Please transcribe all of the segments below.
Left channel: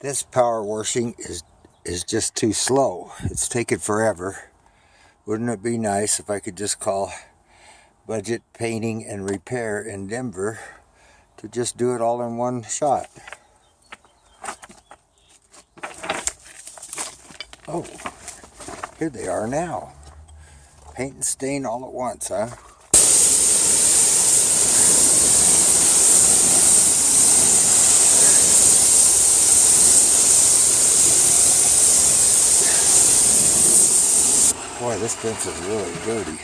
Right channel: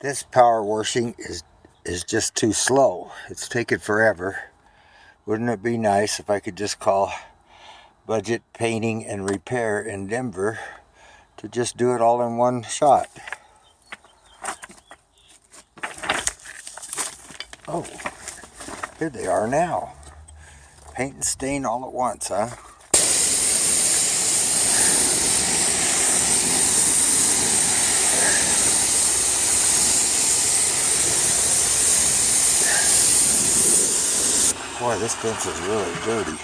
This power washing is just too slow. It's taking forever. Wouldn't it be nice if I could just call Budget Painting and Repair in Denver to just do it all in one shot? Oh, here they are now. Paint and stain all at once, huh? Boy, this fence is really dirty.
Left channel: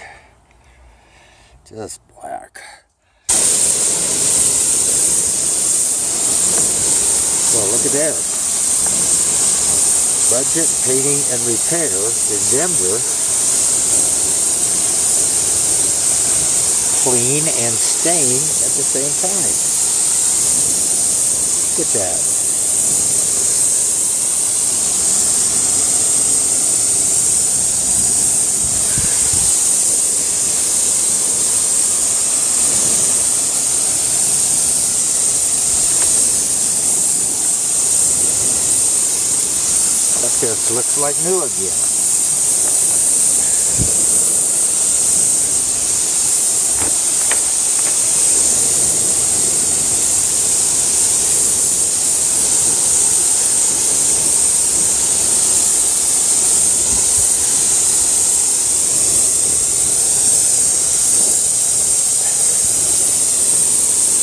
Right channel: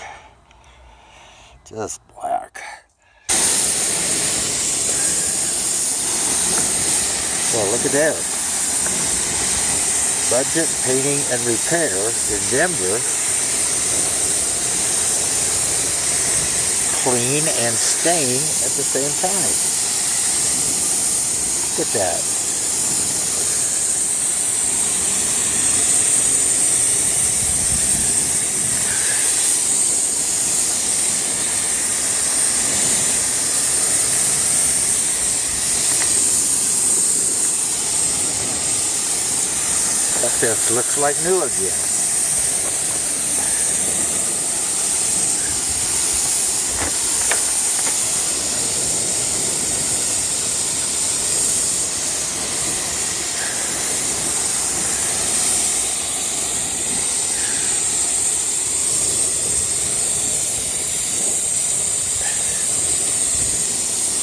Just black. So look at there. Budget Painting and Repair in Denver. Clean and stain at the same time. Look at that. That fence looks like new again.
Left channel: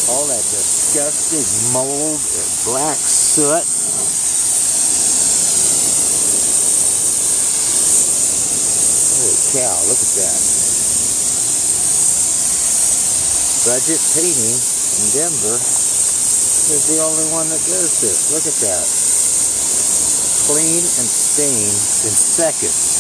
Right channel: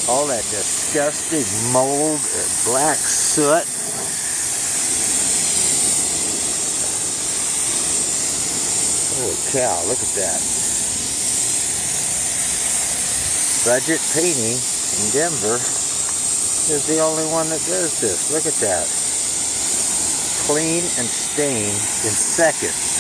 All that disgusting mold and black soot. Holy cow, look at that. Budget Painting in Denver is the only one that does this. Look at that. Clean and stain in seconds.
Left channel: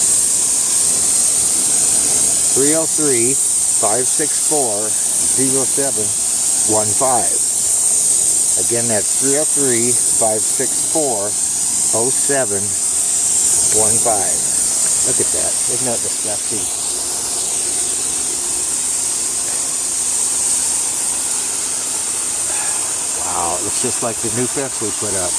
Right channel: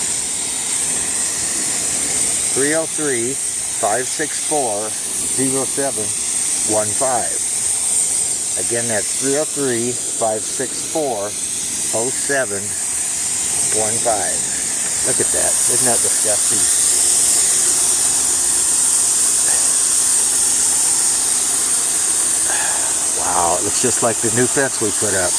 303-564-0715. Again, that's 303-564-0715. Look at that. Isn't that disgusting? Wow, it looks just like the new fence we put up.